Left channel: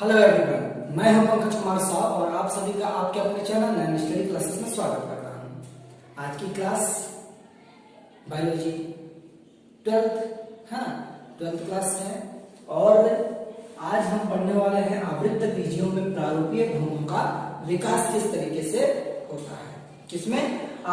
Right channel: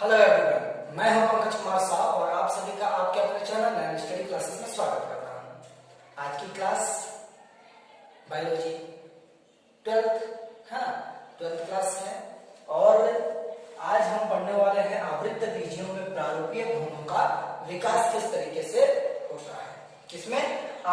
Hello everyone, मैं हूं पंकज कुमार साहब और आप सभी का आपके अपने चैनल नैनो स्टडी क्लासेस में स्वागत करता हूं। आज की क्लास बायोलॉजी 12th है ना, 12th क्लास है और आज हम पढ़ने वाले हैं आवृत्त बीजियों में प्रारूपीय भ्रूणों का विकास किस तरीके से होता है। इसमें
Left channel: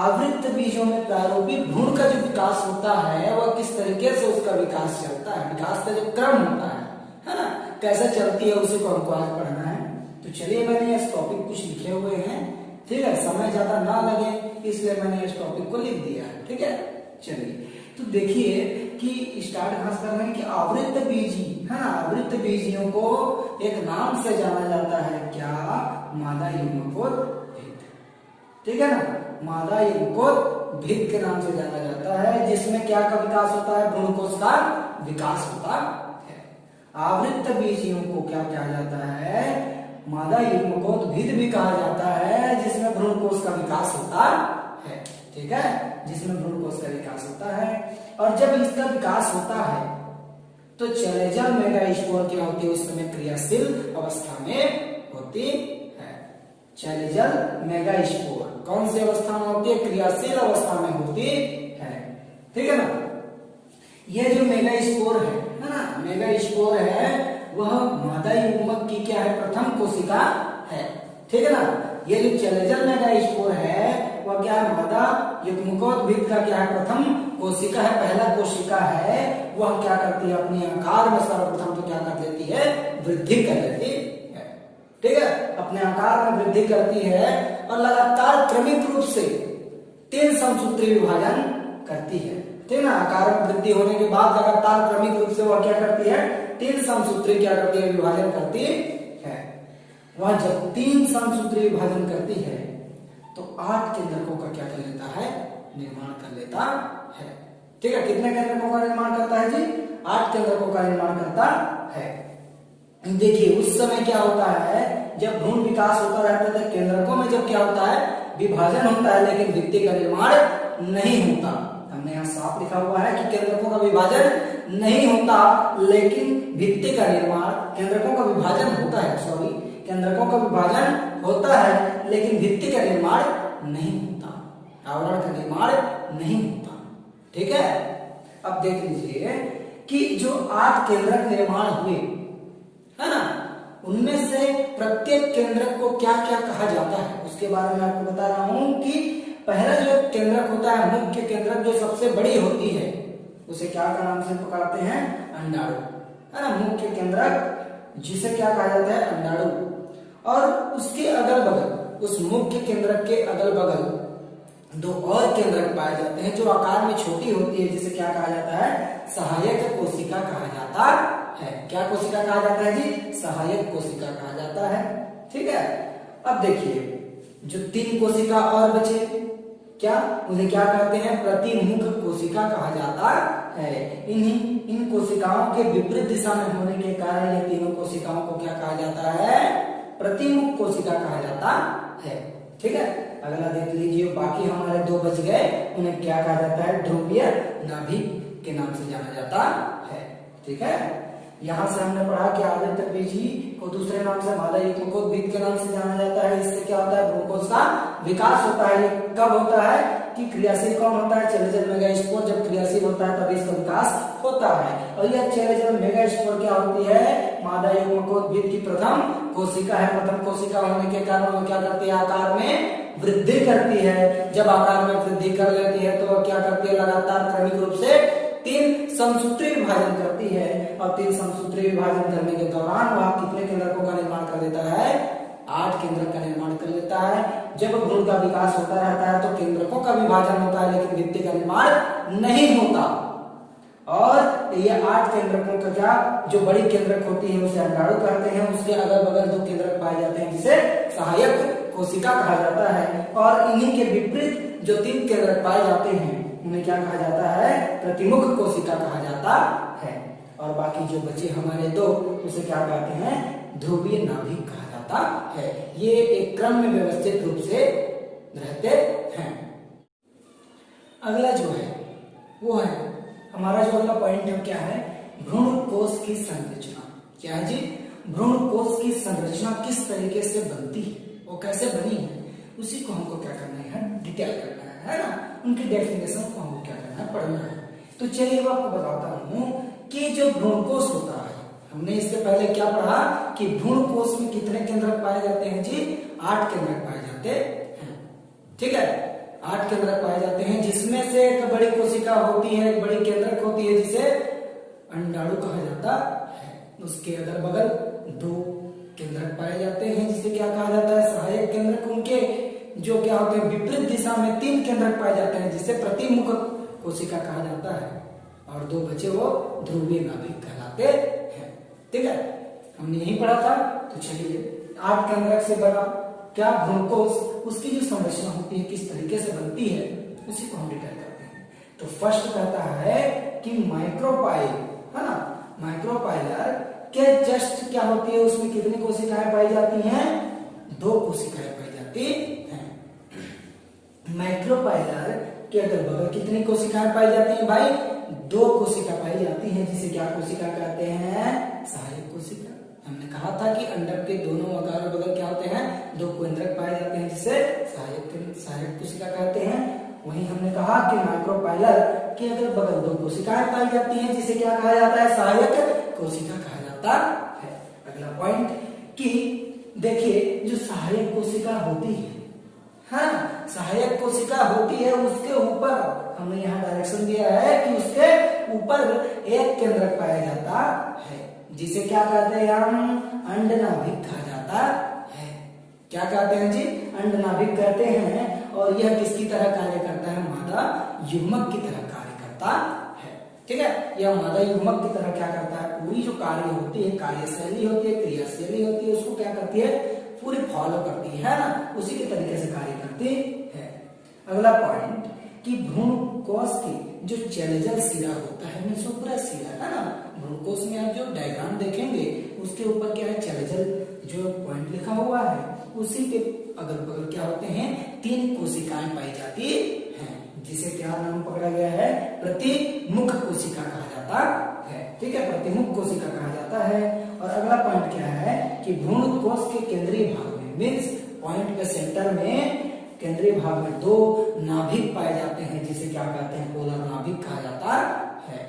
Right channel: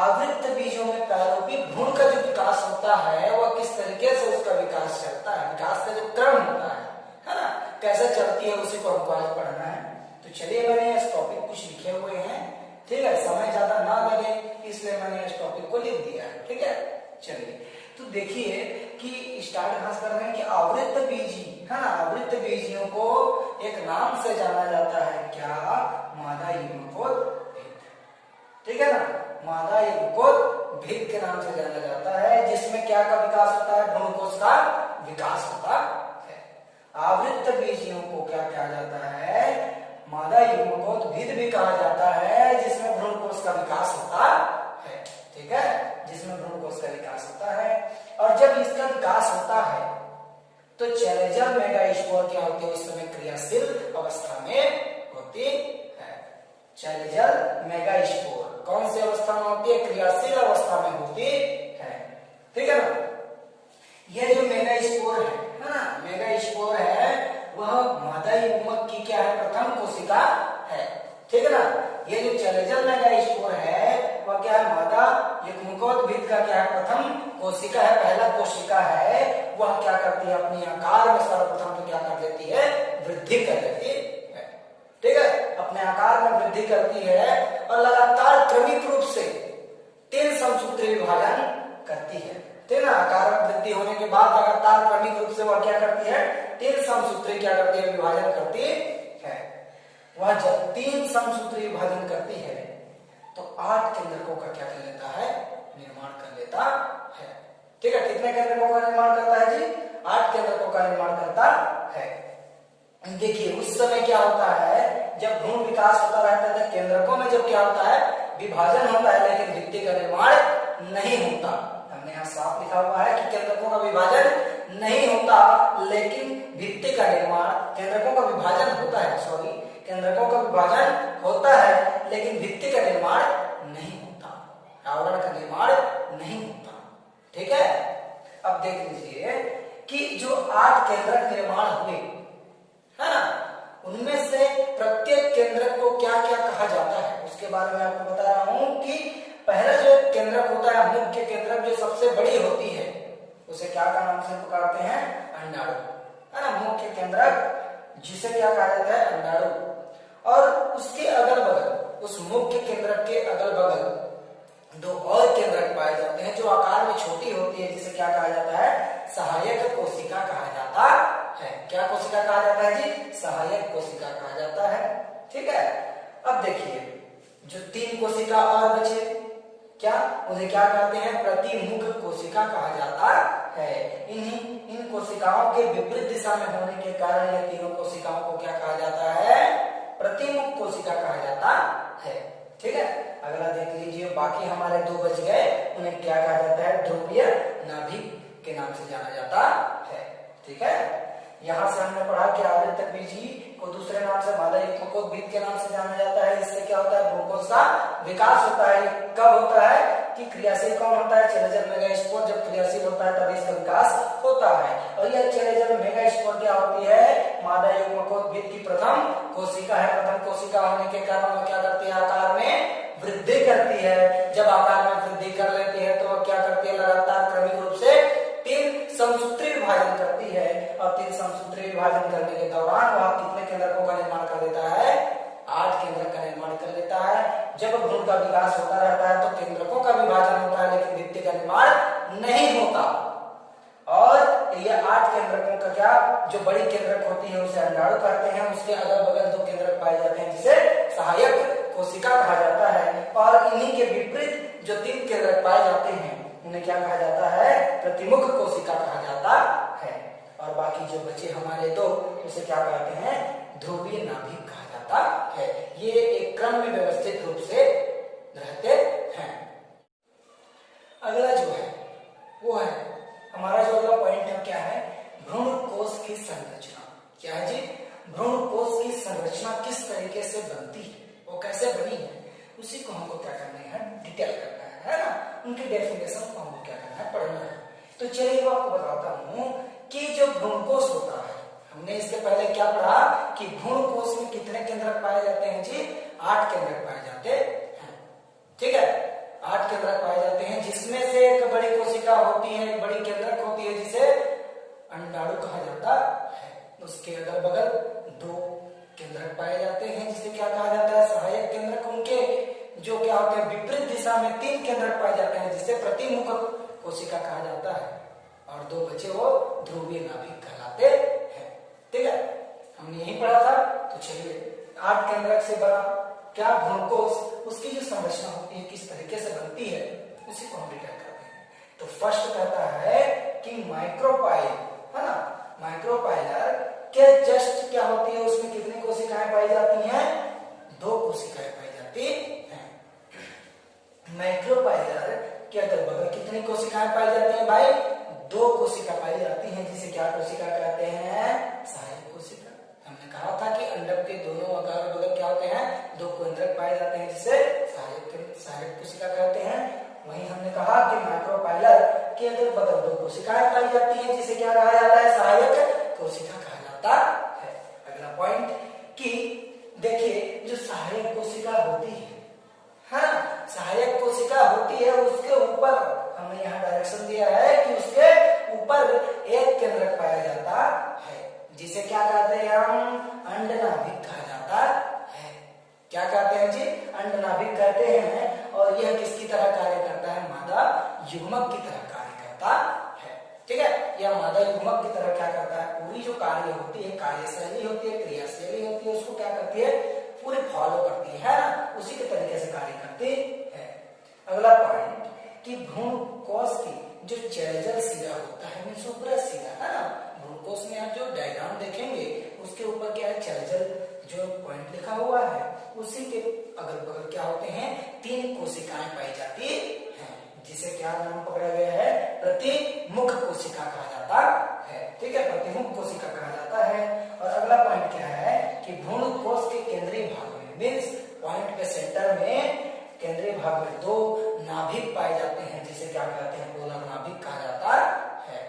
आवृत्त बीजों में प्रारूपी भ्रूण का जो विकास होता है वह किस तरीके से उसका विकास चलता है, विकास का जो क्रम होता है ना, कैसे चलती है, उसी को हमको आज पढ़ना है। तो चलिए, मैंने इस टॉपिक कुछ लिखे हुए हैं, ठीक है, समय ज्यादा ना लगे इसलिए मैंने इस टॉपिक को लिख दिया है, ठीक है। चलिए, तो देखिए कि स्टार्ट खास कर रहे हैं कि आवृत्त बीजी है ना, आवृत्त बीजियों को एक नाम से जाना जाता है, क्या? मादा युग्मकोद्भिद, ठीक है ना, मादा युग्मकोद्भिद के नाम से जाना जाता है, जिसमें क्या का विकास होता है? भ्रूणकोश का विकास होता है। आवृत्त बीजियों को क्या कहा जाता है? मादा युग्मकोद्भिद भी कहा जाता है, जिसमें भ्रूणकोश का विकास होता है, ठीक है, जिसमें भ्रूणकोश का विकास होता है। और जब इसका विकास होता है तो चैलेंजर मेगास्पोर क्या होती है? उस समय क्रियाशील अवस्था में होती है। चैलेंजर मेगास्पोर कौन सी अवस्था में होती है? क्रियाशील अवस्था में होती है, ठीक है ना। यह जो मेगास्पोर है ना, मेगास्पोर है वह मादा युग्मक की क्या है? प्रथम कोशिका है, ठीक है ना। ये जो चैलेंजर मेगास्पोर है वह क्या है? मादा युग्मकोद्भिद का क्या है? प्रथम कोशिका है, पहला कोशिका है। वह क्या करती है? अपने आकार में सर्वप्रथम तो क्या कर देती है? वृद्धि कर देती है, ठीक है, अपने आकार में वृद्धि करती है और लगातार क्रमिक रूप से 3 समसूत्री विभाजन करती है, ठीक है ना। आकार में वृद्धि होने के बाद लगातार क्रमिक रूप से वह क्या करती है? 3 समसूत्री क्या करती है? विभाजन करती है। वह जब 3 समसूत्री विभाजन करती है तो 8 केंद्रकों का क्या कर लेता है? निर्माण कर लेता है, ठीक है। कितने केंद्रकों का निर्माण करता है जी? 8 केंद्रकों का निर्माण करता है। देखिए, उस समय क्या होता है, जब भ्रूण विकास होता रहता है केंद्रकों में जब क्या होता है? विभाजन होता है, लेकिन भित्ति का निर्माण नहीं होता। हमने यहाँ साफ लिखा हुआ है कि केंद्रकों का विभाजन नहीं होता, लेकिन भित्ति का निर्माण, केंद्रकों का विभाजन होता है, सॉरी, केंद्रकों का विभाजन होता है लेकिन भित्ति का निर्माण नहीं होता, आवरण का निर्माण नहीं होता, ठीक है। अब देख लीजिए कि जो 8 केंद्रक निर्माण हुए है ना, उनमें से प्रत्येक केंद्रक को क्या क्या कहा जाता है उसके बारे में आपको बता रहा हूं कि पहला जो केंद्रक होता है, मुख्य केंद्रक, जो सबसे बड़ी होती है, उसे क्या का नाम से पुकारते हैं? अंडाणु, है ना। मुख्य केंद्रक जिसे क्या कहा जाता है? अंडाणु। और उसके अगल बगल, उस मुख्य केंद्रक के अगल बगल 2 और केंद्रक पाए जाते हैं जो आकार में छोटी होती है, जिसे क्या कहा जाता है? सहायक कोशिका कहा जाता है। क्या कोशिका कहा जाता है जी? सहायक कोशिका कहा जाता है, ठीक है। अब देखिए, जो 3 कोशिका और बचे, क्या उन्हें क्या कहते हैं? प्रतिमुख कोशिका कहा जाता है। इन कोशिकाओं के विपरीत दिशा में होने के कारण ये तीनों कोशिकाओं को क्या कहा जाता है? प्रतिमुख कोशिका कहा जाता है, ठीक है। अगला देख लीजिए, बाकी हमारे 2 बच गए, उन्हें क्या कहा जाता है? ध्रुवीय नाभिक के नाम से जाना जाता है, ठीक है। यहाँ से हमने पढ़ा कि आवृत्त बीजी को दूसरे नाम से मादा युग्मकोद्भिद के नाम से जाना जाता है। इससे क्या होता है? भ्रूणकोश का विकास होता है। ये कब होता है? कि क्रियाशील कौन होता है? चैलेंजर मेगास्पोर जब क्रियाशील होता है तभी इसका विकास होता है। और यह चैलेंजर मेगास्पोर क्या होती है? मादा युग्मकोद्भिद की प्रथम कोशिका है। प्रथम कोशिका होने के कारण वो क्या करती है? आकार में वृद्धि करती है। जब आकार में वृद्धि कर लेती है तो क्या करती है? लगातार क्रमिक रूप से 3 समसूत्री विभाजन करती है। और 3 समसूत्री विभाजन करने के दौरान वह कितने केंद्रकों का निर्माण कर देता है? 8 केंद्रक का निर्माण कर लेता है। जब भ्रूण का विकास होता रहता है तो केंद्रकों का विभाजन होता है, लेकिन भित्ति का निर्माण नहीं होता। और ये 8 केंद्रकों का क्या, जो बड़ी केंद्रक होती है उसे अंडाणु कहते हैं। उसके अगल बगल 2 केंद्रक पाए जाते हैं जिसे सहायक कोशिका कहा जाता है। और इन्हीं के विपरीत जो 3 केंद्रक पाए जाते हैं उन्हें क्या कहा जाता है? प्रतिमुख कोशिका कहा जाता है। और बाकी जो बचे हमारे 2 उसे क्या कहते हैं? ध्रुवीय नाभिक कहा जाता है। ये एक क्रम में व्यवस्थित रूप से रहते हैं। अगला जो है वो है हमारा जो अगला पॉइंट है, क्या है? भ्रूण कोश की संरचना। क्या है जी? भ्रूण कोश की संरचना किस तरीके से बनती है, वो कैसे बनी है, उसी को हमको क्या करना है, डिटेल करना है ना। उनकी डेफिनेशन को हमको क्या करना है, पढ़ना है। तो चलिए मैं आपको बताता हूँ कि जो भ्रूण कोश होता है, हमने इससे पहले क्या पढ़ा कि भ्रूण कोश में कितने केंद्रक पाए जाते हैं जी, 8 केंद्रक पाए जाते हैं। ठीक है, 8 केंद्रक पाए जाते हैं, जिसमें से एक बड़ी कोशिका होती है, एक बड़ी केंद्रक होती है जिसे अंडाणु कहा जाता है। उसके अगल बगल 2 केंद्रक पाए जाते हैं जिसे क्या कहा जाता है, सहायक केंद्रक। उनके जो क्या होते हैं, विपरीत दिशा में 3 केंद्रक पाए जाते हैं जिसे प्रतिमुख कोशिका कहा जाता है, और 2 बचे वो ध्रुवीय नाभिक कहलाते हैं। ठीक है, हमने यही पढ़ा था। तो चलिए 8 केंद्रक से बना क्या भ्रूण कोश, उसकी जो संरचना होती है किस तरीके से बनती है, उसी को हम डिटेल करते हैं। तो फर्स्ट कहता है कि माइक्रोपाइल है ना, माइक्रोपाइलर के जस्ट क्या होती है, उसमें कितनी कोशिकाएं पाई जाती हैं, 2 कोशिकाएं पाई जाती हैं। माइक्रोपाइलर के अगल बगल कितनी कोशिकाएं पाई जाती हैं भाई, 2 कोशिका पाई जाती हैं जिसे क्या कोशिका कहते हैं, सहायक कोशिका। हमने कहा था कि अंडक के दोनों अगल बगल क्या होते हैं, 2 केंद्रक पाए जाते हैं जिसे सहायक कोशिका कहते हैं। वहीं हमने कहा कि माइक्रोपाइलर के अगल बगल 2 कोशिकाएं पाई जाती हैं जिसे क्या कहा जाता है, सहायक कोशिका कहा जाता है। अगला पॉइंट कि देखिए जो सहायक कोशिका होती है, हाँ सहायक कोशिका होती है, उसके ऊपर हमने यहाँ डायरेक्शन दिया है कि उसके ऊपर एक केंद्रक पाया जाता है जिसे क्या कहते हैं हम, अंडनाभिक कहा जाता है। क्या कहते हैं जी, अंडनाभिक कहते हैं। और यह किसकी तरह कार्य करता है, मादा युग्मक की तरह कार्य करता है। ठीक है, यह मादा युग्मक की तरह क्या करता है, पूरी जो कार्य होती है, कार्यशैली होती है, क्रियाशैली होती है, उसको क्या करती है, पूरी फॉलो करती है ना, उसी के तरीके से कार्य करती है। अगला पॉइंट कि भ्रूण कोश की जो चैलेंजल सिरा होता है, ऊपरी सिरा है ना, भ्रूण कोश में आप जो डायग्राम देखेंगे उसके ऊपर क्या है, चैलेंजल जो पॉइंट लिखा हुआ है, उसी के अगल बगल क्या होते हैं, 3 कोशिकाएं पाई जाती हैं जिसे क्या नाम पकड़ा गया है, प्रतिमुख कोशिका कहा जाता है। ठीक है, प्रतिमुख कोशिका कहा जाता है। और अगला पॉइंट क्या है कि भ्रूण कोश के केंद्रीय भाग में, मीन्स पॉइंट पे सेंटर में केंद्रीय भाग में 2 नाभिक पाए जाते हैं जिसे क्या कहते हैं, पोलर नाभिक कहा जाता है,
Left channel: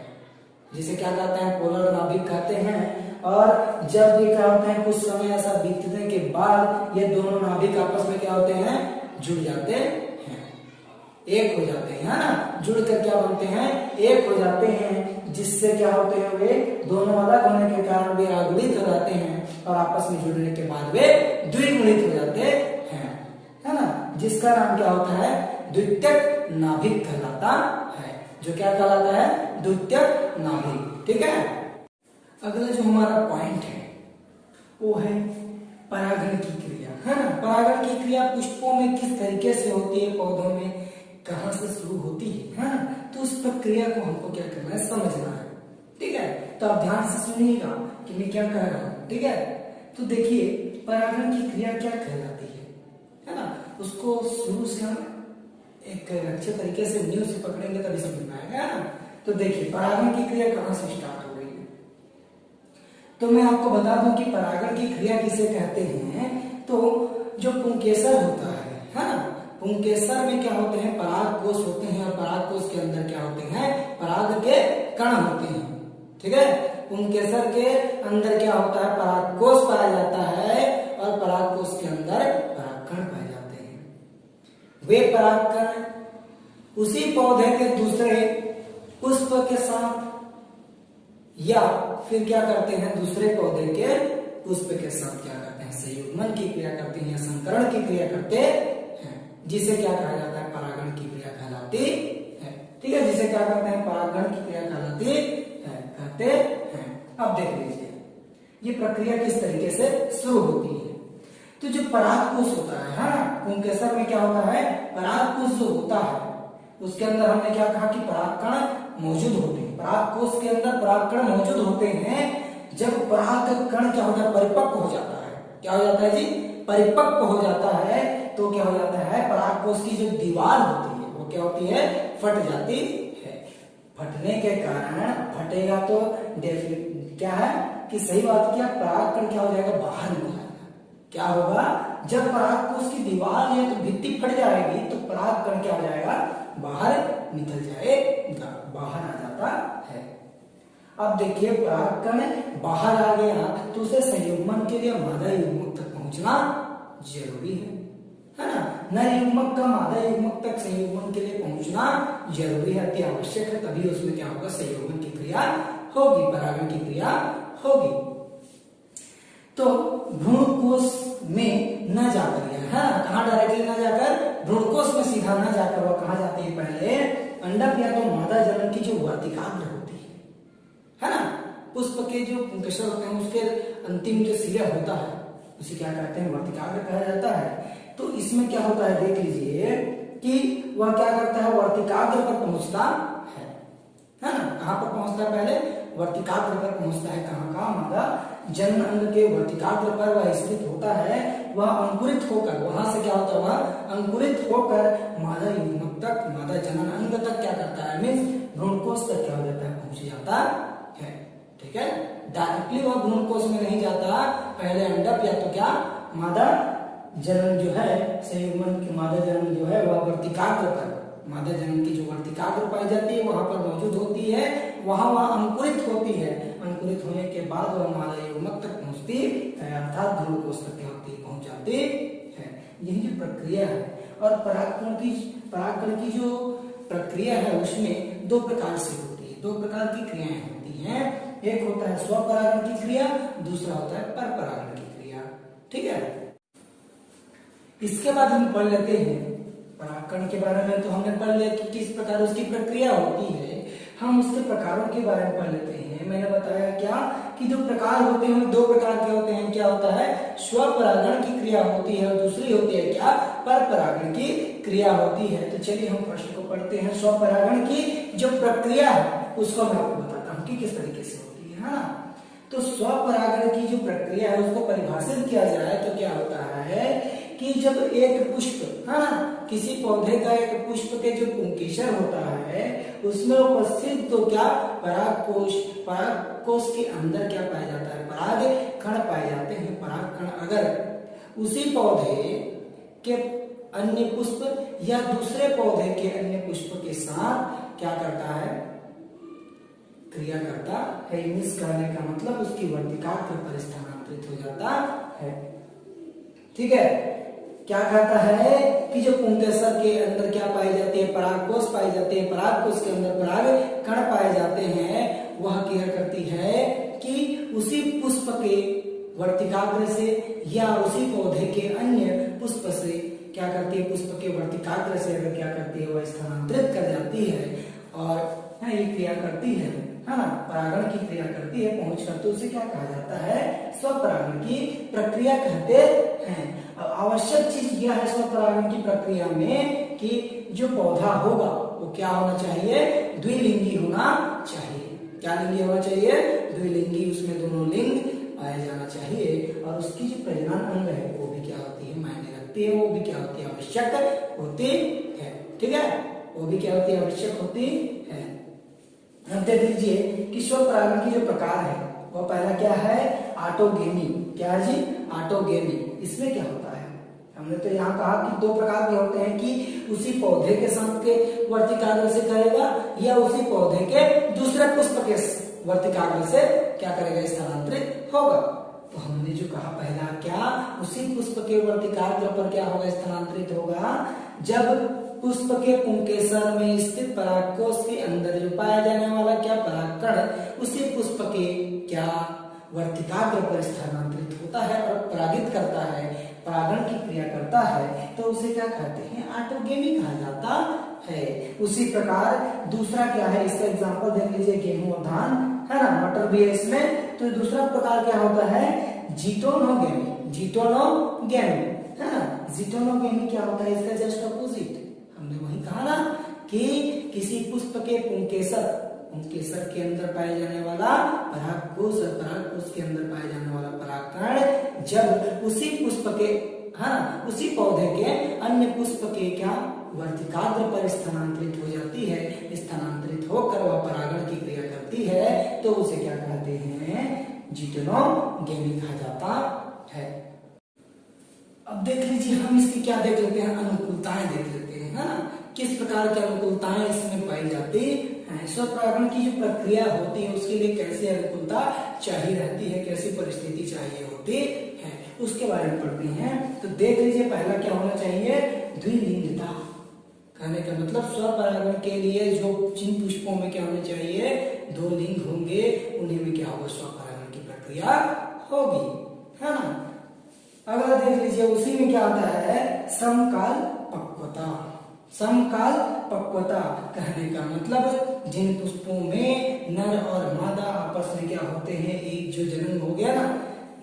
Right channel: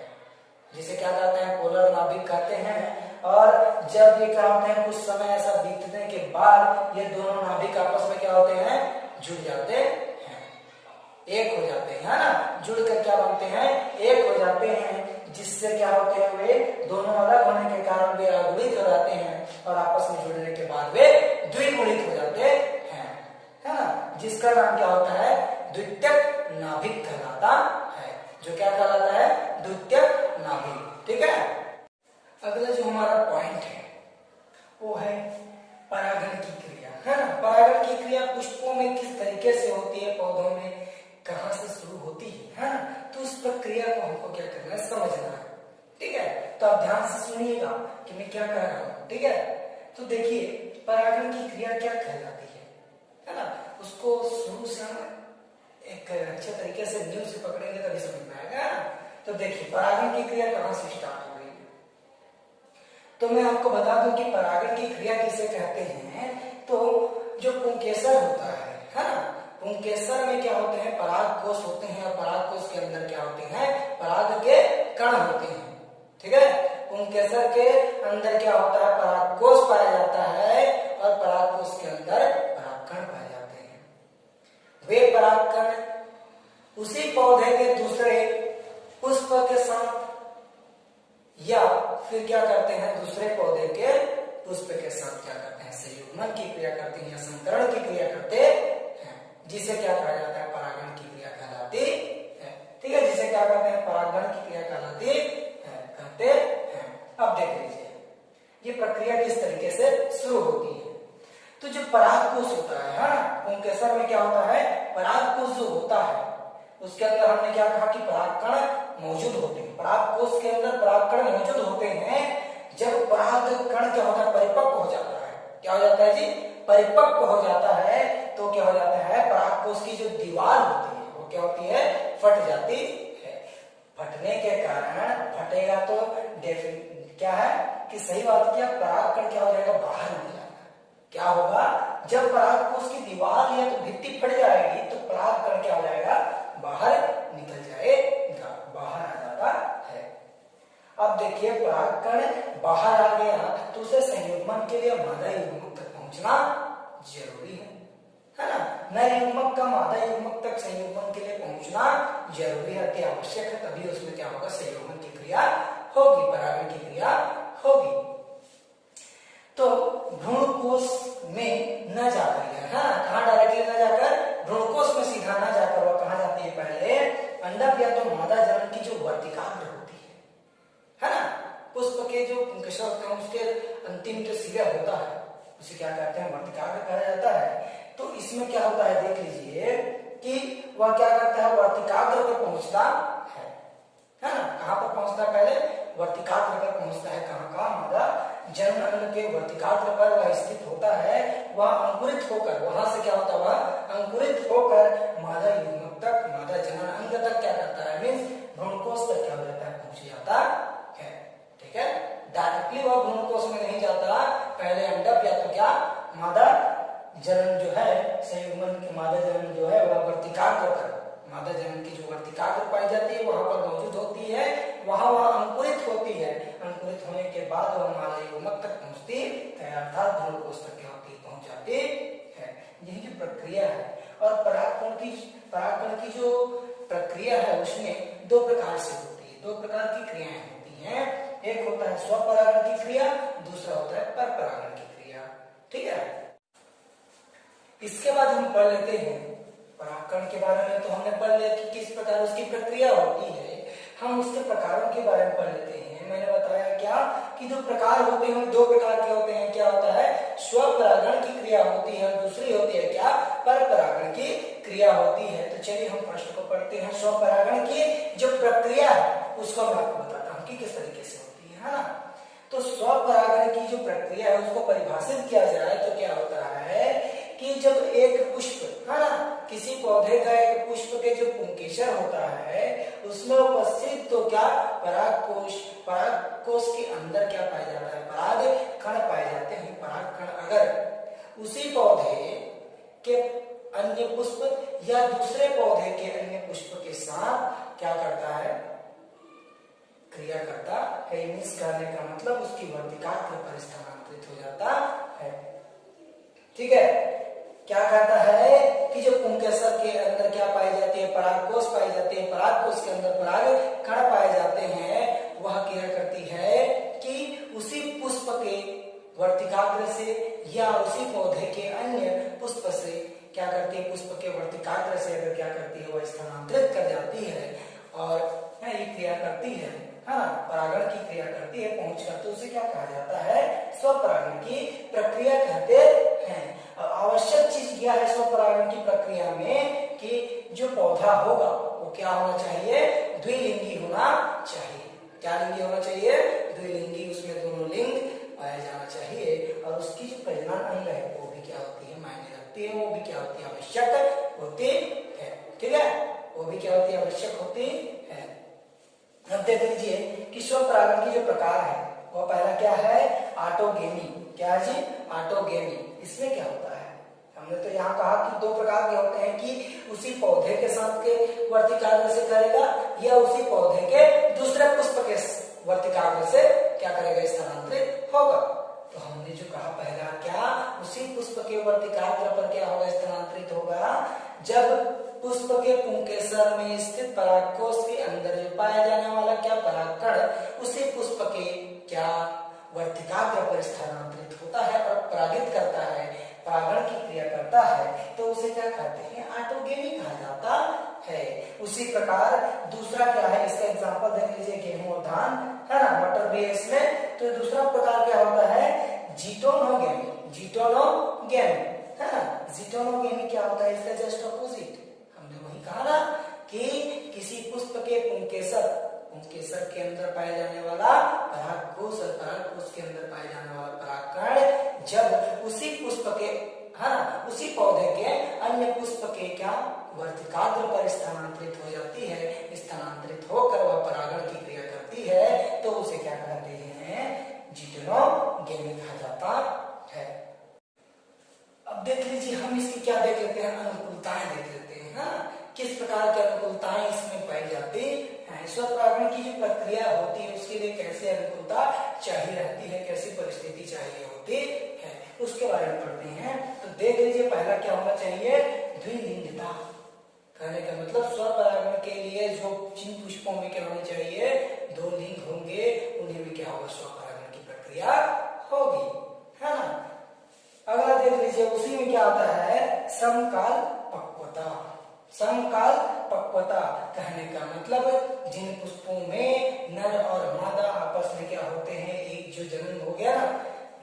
जिसे क्या कहते हैं, पोलर नाभिक कहते हैं। और जब ये क्या होते हैं, कुछ समय ऐसा बीतने के बाद ये दोनों नाभिक आपस में क्या होते हैं, जुड़ जाते हैं, एक हो जाते हैं, है ना, जुड़कर क्या बनते हैं, एक हो जाते हैं, जिससे क्या होते हैं, वे दोनों अलग होने के कारण वे अगुणित हो जाते हैं और आपस में जुड़ने के बाद वे द्विगुणित हो जाते हैं, है ना, जिसका नाम क्या होता है, द्वितीयक नाभिक कहलाता है। जो क्या कहलाता है, द्वितीयक नाभिक। ठीक है, अगला जो हमारा पॉइंट है वो है परागण की क्रिया, है ना। परागण की क्रिया पुष्पों में किस तरीके से होती है, पौधों में कहां से शुरू होती है ना, तो उस प्रक्रिया को हमको क्या करना है, समझना है। ठीक है, तो आप ध्यान से सुनिएगा कि मैं क्या कह रहा हूं। ठीक है, तो देखिए परागण की क्रिया क्या कहलाती है ना, उसको शुरू से हम एक अच्छे तरीके से न्यू से पकड़ेंगे तभी समझ में आएगा ना। तो देखिए परागण की क्रिया कहां से स्टार्ट हो रही है, तो मैं आपको बता दूं कि परागण की क्रिया किसे कहते हैं। तो जो पुंकेसर होता है ना, पुंकेसर में क्या होते हैं, पराग कोष होते हैं, और पराग कोष के अंदर क्या होते हैं, पराग के कण होते हैं। ठीक है, पुंकेसर के अंदर क्या होता है, पराग कोष पाया जाता है, और पराग कोष के अंदर परागकण पाए जाते हैं। वे परागकण उसी पौधे के दूसरे पुष्प के साथ या फिर क्या करते हैं, दूसरे पौधे के पुष्प के साथ क्या करते हैं, संयुग्मन की क्रिया करते हैं या संकरण की क्रिया करते हैं, जिसे क्या कहा जाता है, परागण की क्रिया कहलाती है। ठीक है, जिसे क्या कहते हैं, परागण की क्रिया कहलाती है, कहते हैं। अब देख लीजिए ये प्रक्रिया किस तरीके से शुरू होती है। तो जो परागकोश होता है, हाँ, पुंकेसर में क्या होता है, परागकोश जो होता है उसके अंदर हमने क्या कहा कि परागकण मौजूद होते हैं। परागकोश के अंदर परागकण मौजूद होते हैं। जब परागकण क्या होता है, परिपक्व हो जाता है, क्या हो जाता है जी, परिपक्व हो जाता है, तो क्या हो जाता है, परागकोश की जो दीवार होती है वो क्या होती है, फट जाती है। फटने के कारण, फटेगा तो क्या है, कि सही बात क्या, परागकण क्या हो जाएगा, बाहर निकल जाएगा। क्या होगा, जब परागकोश की दीवार या तो भित्ति फट जाएगी तो परागकण क्या हो जाएगा, बाहर निकल जाएगा, बाहर आ जाता है। अब देखिए परागकण बाहर आ गया तो उसे संयुग्मन के लिए मादा युग्मक तक पहुंचना जरूरी है ना। नर युग्मक का मादा युग्मक तक संयुग्मन के लिए पहुंचना जरूरी है, अति आवश्यक है, तभी उसमें क्या होगा, संयुग्मन की क्रिया होगी, परागण की क्रिया होगी। तो भ्रूणकोश में न जाकर यह, है ना, कहाँ डायरेक्टली न जाकर, भ्रूणकोश में सीधा न जाकर वह कहाँ जाती है, पहले अंडक या तो मादा जनन की जो वर्तिकाग्र होती है ना, पुष्प के जो पुंकेसर होते हैं उसके अंतिम जो सिरा होता है उसे क्या कहते हैं, वर्तिकाग्र कहा जाता है। तो इसमें क्या होता है, देख लीजिए कि वह क्या करता है, वर्तिकाग्र पर पहुंचता है ना, कहाँ पर पहुंचता है, पहले वर्तिकाग्र पर पहुंचता है, कहाँ का, मादा जनन अंग के वर्तिकाग्र पर वह स्थित होता है। वह अंकुरित होकर, वहां से क्या होता है, वह अंकुरित होकर मादा युग्मक तक, मादा जनन अंग तक क्या करता है, मीन्स भ्रूणकोश तक क्या हो जाता है, पहुंच जाता है। ठीक है, डायरेक्टली वह भ्रूणकोश में नहीं जाता, पहले अंडक या तो क्या, मादा जनन जो है, संयुग्मन की मादा जनन जो है वह वर्तिकाग्र पर, मादा जनन की जो वर्तिकाग्र पाई जाती है वहां पर मौजूद होती है, वहां वह अंकुरित होती है, अंकुरित होने के बाद वह मादा युग्मक तक पहुंचती है, अर्थात भ्रूणकोश तक क्या होती है, पहुंच जाती है। यही जो प्रक्रिया है। और परागकण की जो प्रक्रिया है उसमें दो प्रकार से होती है, दो प्रकार की क्रियाएं होती हैं। एक होता है स्वपरागण की क्रिया, दूसरा होता है परपरागण की क्रिया। ठीक है, इसके बाद हम पढ़ लेते हैं परागकण के बारे में। तो हमने पढ़ लिया कि किस प्रकार उसकी प्रक्रिया होती है, हम उसके प्रकारों के बारे में पढ़ लेते हैं। मैंने बताया क्या कि जो प्रकार होते हैं दो प्रकार के होते हैं, क्या होता है, स्वपरागण की क्रिया होती है और दूसरी होती है क्या, परपरागण की क्रिया होती है। तो चलिए हम प्रश्न को पढ़ते हैं। स्वपरागण की जो प्रक्रिया है उसको मैं आपको बताता हूँ कि किस तरीके से होती है ना। तो स्वपरागण की जो प्रक्रिया है उसको परिभाषित किया जाए तो क्या होता है कि जब एक पुष्प, है ना, किसी पौधे का एक पुष्प के जो पुंकेसर होता है उसमें उपस्थित तो क्या, परागकोश, परागकोश के अंदर क्या पाया जाता है, पराग कण पाए जाते हैं। पराग कण अगर उसी पौधे के अन्य पुष्प या दूसरे पौधे के अन्य पुष्प के साथ क्या करता है, क्रिया करता है, मिस करने का मतलब उसकी वर्तिकाग्र पर स्थानांतरित हो जाता है। ठीक है, क्या कहता है कि जो पुंकेसर के अंदर क्या पाई जाती है, परागकोश पाई जाती है, परागकोश के अंदर पराग कण पाए जाते हैं, वह क्या करती है कि उसी पुष्प के वर्तिकाग्र से या उसी पौधे के अन्य पुष्प से क्या करती है, पुष्प के वर्तिकाग्र से अगर क्या करती है, वह स्थानांतरित कर जाती है और ये क्रिया करती है ना, परागण की क्रिया करती है पहुंच कर, तो उसे क्या कहा जाता है, स्वपरागण की प्रक्रिया कहते हैं। आवश्यक चीज यह है स्वपरागण की प्रक्रिया में कि जो पौधा होगा वो क्या होना चाहिए, द्विलिंगी होना चाहिए। क्या लिंगी होना चाहिए, द्विलिंगी, उसमें दोनों लिंग पाया जाना चाहिए और उसकी जो प्रजनन अंग है वो भी क्या होती है, मायने रखती है, वो भी क्या होती है, आवश्यक होती है। ठीक है, वो भी क्या होती है, आवश्यक होती है। अब देख लीजिए कि स्वपरागण की जो प्रकार है वो पहला क्या है, ऑटोगेमी। क्या है जी, ऑटोगेमी। इसमें क्या होता है, हमने तो यहाँ कहा कि दो प्रकार के होते हैं कि उसी पौधे के साथ के वर्तिकाग्र से करेगा या उसी पौधे के दूसरे पुष्प के वर्तिकाग्र से क्या करेगा, स्थानांतरित होगा। तो हमने जो कहा पहला क्या, उसी पुष्प के वर्तिकाग्र पर क्या होगा, स्थानांतरित होगा जब पुष्प के पुंकेसर में स्थित परागकोश के अंदर जो पाया जाने वाला क्या, परागकण उसी पुष्प के क्या वर्तिकाग्र पर स्थानांतरित होता है और परागित करता है, परागण की क्रिया करता है, तो उसे क्या कहते हैं, ऑटोगेमी कहा जाता है। उसी प्रकार दूसरा क्या है, इसका एग्जांपल देख लीजिए, गेहूं और धान, है ना, मटर भी है इसमें। तो दूसरा प्रकार क्या होता है, जीटोनोगेमी। जीटोनोगेमी, है ना, जीटोनोगेमी क्या होता है, इसका जस्ट अपोजिट। हमने वही कहा ना कि किसी पुष्प के पुंकेसर के अंदर पाए जाने वाला परागकोश और परागकोश के अंदर पाए जाने वाला परागकण जब उसी पुष्प के, है ना, उसी पौधे के अन्य पुष्प के क्या वर्तिकाग्र पर स्थानांतरित हो जाती है, स्थानांतरित होकर वह परागण की क्रिया करती है, तो उसे क्या कहते हैं, जिटेनोगेमी कहा जाता है। अब देख लीजिए, हम इसकी क्या देख लेते हैं, अनुकूलताएं देख लेते हैं, है ना, किस प्रकार की अनुकूलताएं इसमें पाई जाती है। स्वपरागण की जो प्रक्रिया होती है उसके लिए कैसी अनुकूलता चाहिए रहती है, कैसी परिस्थिति चाहिए होती है, उसके बारे में पढ़ते हैं। तो देख लीजिए, पहला क्या होना चाहिए, द्विलिंगता। कहने का मतलब स्वपरागण के लिए जो जिन पुष्पों में क्या होनी चाहिए, दो लिंग होंगे, उन्हीं में क्या होगा, स्वपरागण की प्रक्रिया होगी, है ना। अगला देख लीजिए, उसी में क्या आता है, समकाल पक्वता। समकाल पक्वता कहने का मतलब जिन पुष्पों में नर और मादा आपस में क्या होते हैं, एक जो जनन हो गया ना,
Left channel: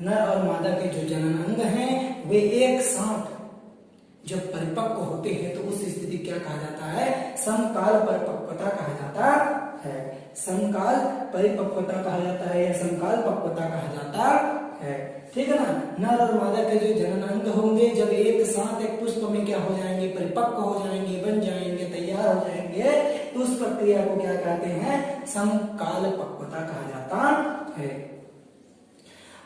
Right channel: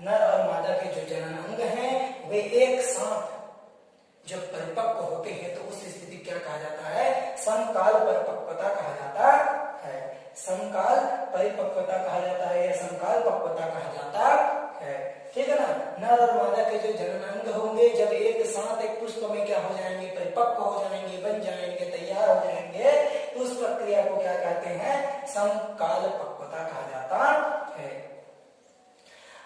नर और मादा के जो जनन अंग हैं वे एक साथ जब परिपक्व होते हैं तो उस स्थिति क्या कहा जाता है, समकाल परिपक्वता कहा जाता है। समकाल परिपक्वता कहा जाता है या समकाल पक्वता कहा जाता है, ठीक है ना। नर और मादा के जो जनन अंग होंगे जब एक साथ एक पुष्प में क्या हो जाएंगे, परिपक्व हो जाएंगे, बन जाएंगे, तैयार हो जाएंगे, तो उस प्रक्रिया को क्या कहते हैं, समकाल पक्वता कहा जाता है।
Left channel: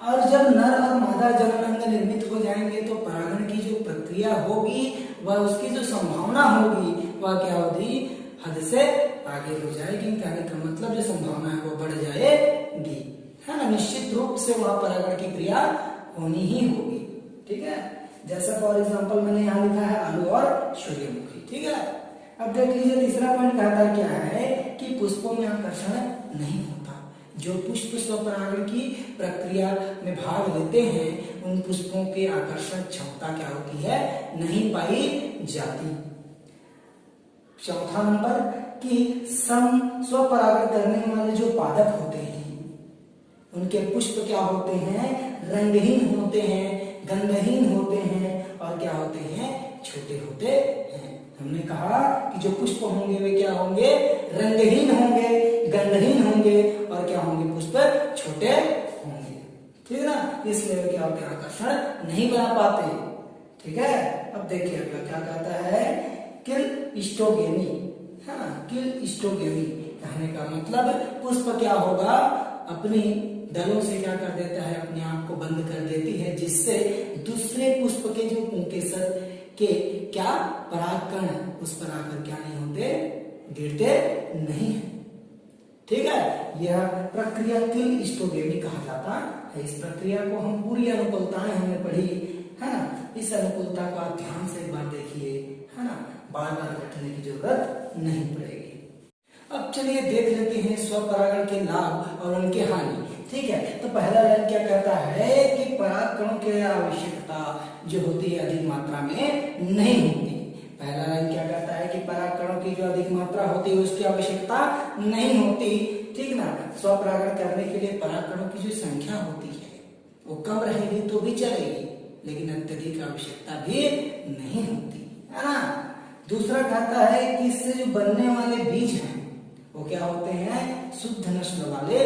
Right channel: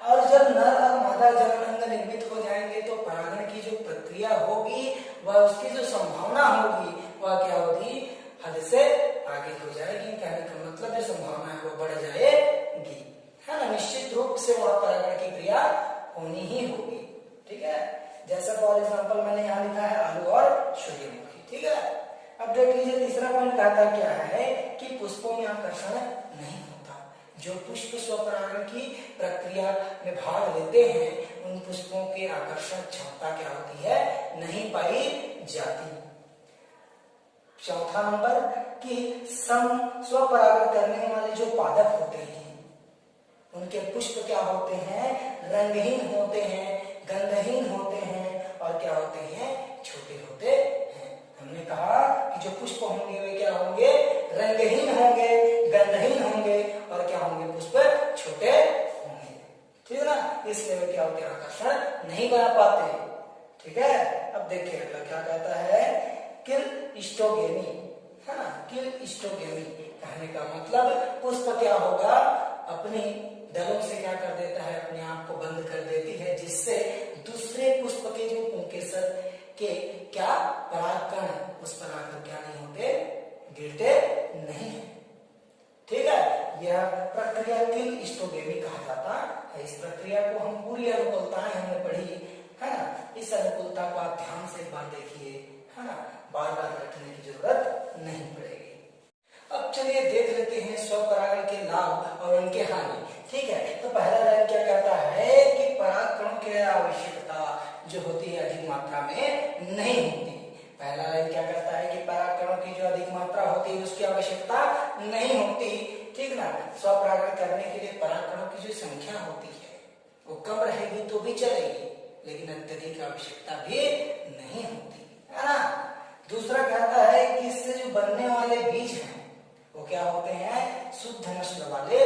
और जब नर और मादा जनन अंग निर्मित हो जाएंगे तो परागण की जो प्रक्रिया होगी वह उसकी जो संभावना होगी वह क्या होगी, हद से आगे हो जाएगी। कहने का मतलब जो संभावना है वो बढ़ जाएगी, है ना। निश्चित रूप से वह परागण की क्रिया होनी ही होगी, ठीक है। जैसा फॉर एग्जांपल मैंने यहाँ लिखा है आलू और सूर्यमुखी, ठीक है। अब देख लीजिए, तीसरा पॉइंट कहता क्या है कि पुष्पों में आकर्षण नहीं होता। जो पुष्प स्वपरागण की प्रक्रिया में भाग लेते हैं उन पुष्पों के आकर्षण क्षमता क्या होती है, नहीं पाई जाती। चौथा नंबर कि स्वपरागण करने वाले जो पादप होते हैं उनके पुष्प क्या होते हैं, रंगहीन होते हैं, गंधहीन होते हैं और क्या होते हैं, छोटे होते हैं। हमने कहा कि जो पुष्प होंगे वे क्या होंगे, रंगहीन होंगे, गंधहीन होंगे और क्या होंगे, पुष्प छोटे होंगे, ठीक है ना। इसलिए क्या होते हैं, आकर्षण नहीं बना पाते, ठीक है। अब देखिए अगला क्या कहता है, क्लिस्टोगेमी, है ना। क्लिस्टोगेमी कहने का मतलब पुष्प क्या होगा, अपनी दलों से क्या कर देता है, अपने आप को बंद कर देती है, जिससे दूसरे पुष्प के जो पुंकेसर के क्या परागकण उस पर आकर क्या नहीं होते, गिरते नहीं है, ठीक है। यह प्रक्रिया क्लिस्टोगेमी कहा जाता है। इस प्रक्रिया को हम पूरी अनुकूलताएं हमने पढ़ी, है ना। इस अनुकूलता को आप ध्यान से एक बार देखिए, है ना, बार बार रटने की जरूरत नहीं पड़ेगी। अब चलिए देख लेते हैं स्वपरागण के लाभ और उनके हानि, ठीक है। तो पहला लाइन क्या कहता है कि परागकणों की आवश्यकता जो होती है अधिक मात्रा में नहीं होती। पहला लाइन क्या कहता है कि परागकणों की जो अधिक मात्रा होती है उसकी आवश्यकता नहीं होती, ठीक ना। स्वपरागण करने के लिए परागकणों की जो संख्या होती है वो कम रहेगी तो भी चलेगी, लेकिन अत्यधिक आवश्यकता भी नहीं होती, है ना। दूसरा कहता है कि इससे जो बनने वाले बीज हैं वो क्या होते हैं, शुद्ध नस्ल वाले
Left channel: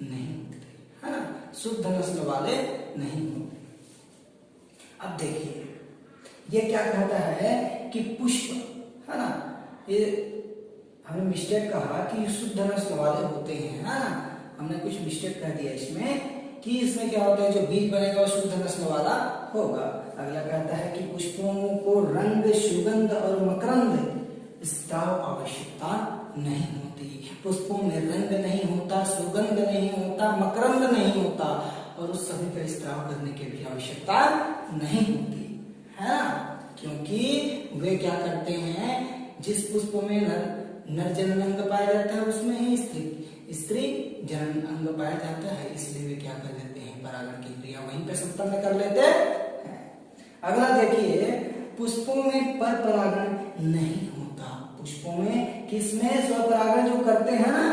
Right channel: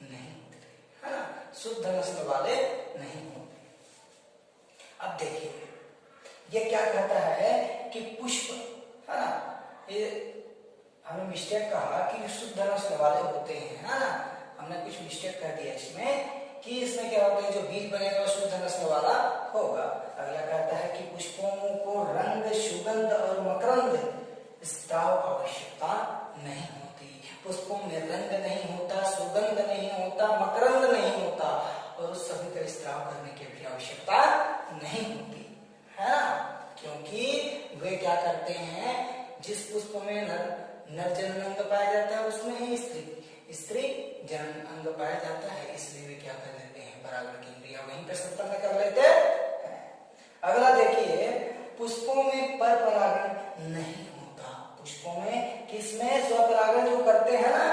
नहीं होते, है ना, शुद्ध नस्ल वाले नहीं होते। अब देखिए ये क्या कहता है कि पुष्प, है ना, ये हमने मिस्टेक कहा कि शुद्ध नस्ल वाले होते हैं, है ना। हमने कुछ मिस्टेक कर दिया इसमें कि इसमें क्या होता है, जो बीज बनेगा वो शुद्ध नस्ल वाला होगा। अगला कहता है कि पुष्पों को रंग, सुगंध और मकरंद स्राव आवश्यकता नहीं होती। पुष्पों में रंग नहीं होता, सुगंध नहीं होता, मकरंद नहीं होता और उस सभी का स्राव करने की भी आवश्यकता नहीं होती, है ना। क्योंकि वे क्या करते हैं, जिस पुष्पों में नर जनन अंग पाया जाता है उसमें ही स्त्री जनन अंग पाया जाता है, इसलिए वे क्या कर लेते हैं, परागण की क्रिया वहीं पे संपन्न कर लेते हैं। अगला देखिए, पुष्पों में पर परागण नहीं होता। पुष्पों में किसमें, स्वपरागण जो करते हैं ना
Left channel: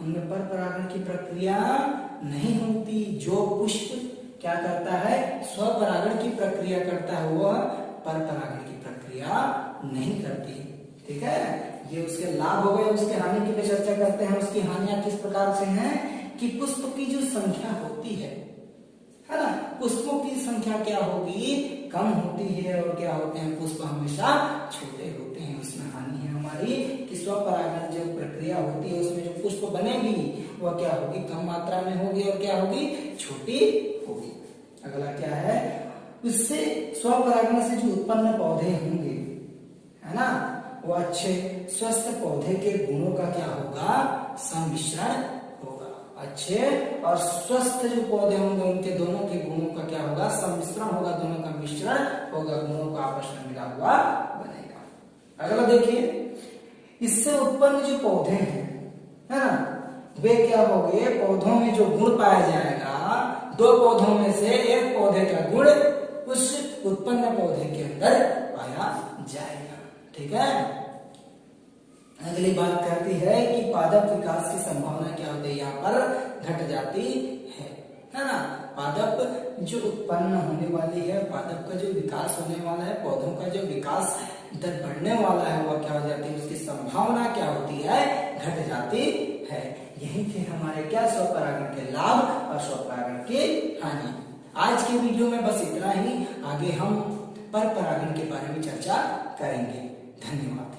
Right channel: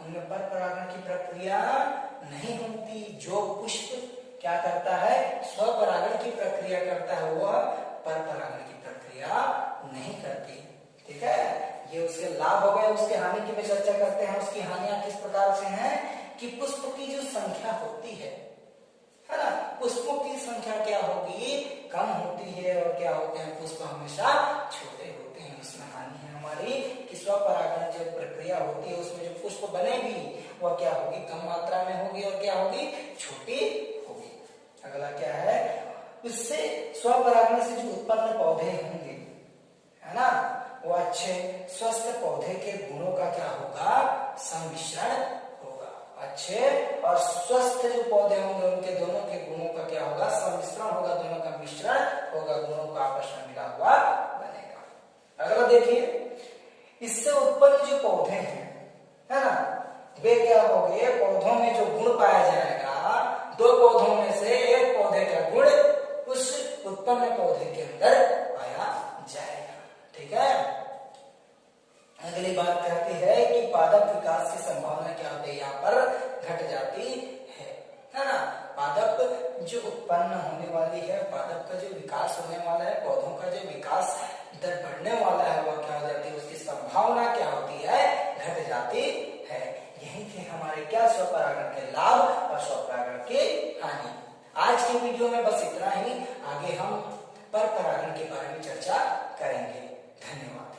उनमें पर परागण की प्रक्रिया नहीं होती। जो पुष्प क्या करता है, स्वपरागण की प्रक्रिया करता है, वह पर परागण की प्रक्रिया नहीं करती, ठीक है। ये उसके लाभ हो गए। उसके हानि की भी चर्चा करते हैं। उसकी हानियां किस प्रकार से हैं कि पुष्प की जो संख्या होती है ना, पुष्पों की संख्या क्या होगी, कम होती है और क्या होते हैं, पुष्प हमेशा छोटे होते हैं, इसमें हानि है हमारी। हमारी कि स्वपरागण जो प्रक्रिया होती है उसमें जो पुष्प बनेगी वह क्या होगी, कम मात्रा में होगी और क्या होगी, छोटी होगी। अगला क्या है, उससे स्वपरागण से जो उत्पन्न पौधे होंगे, है ना, वो अच्छे स्वस्थ पौधे के गुणों का क्या होगा, सम्मिश्रण होगा। अच्छे और स्वस्थ जो पौधे होंगे उनके दोनों के गुणों का क्या होगा, सम्मिश्रण होगा, दोनों का मिश्रण होगा, गुणों का आपस में मिला हुआ बनेगा। अगला देखिए, इससे उत्पन्न जो पौधे हैं, है ना, वे क्या होंगे, पौधों में जो गुण पाया जाएगा, दो पौधों में से एक पौधे का गुण उस उत्पन्न पौधे के अंदर पाया जाएगा। ठीक है। अगली बात कहती है कि पादप विकास की संभावना क्या होती है, यहाँ पर घट जाती है ना। पादप जो उत्पन्न होने वाली है, पादप का जो विकास होने वाला है, पौधों का जो विकास दर बढ़ने वाला है, वह क्या हो जाती है, उसकी संभावना क्या होती है, घट जाती है। यही थे हमारे क्या, स्वपरागण के लाभ और स्वपरागण की हानि। आज के वीडियो में बस इतना ही, आगे हम पर परागण के बारे में चर्चा करेंगे। धन्यवाद।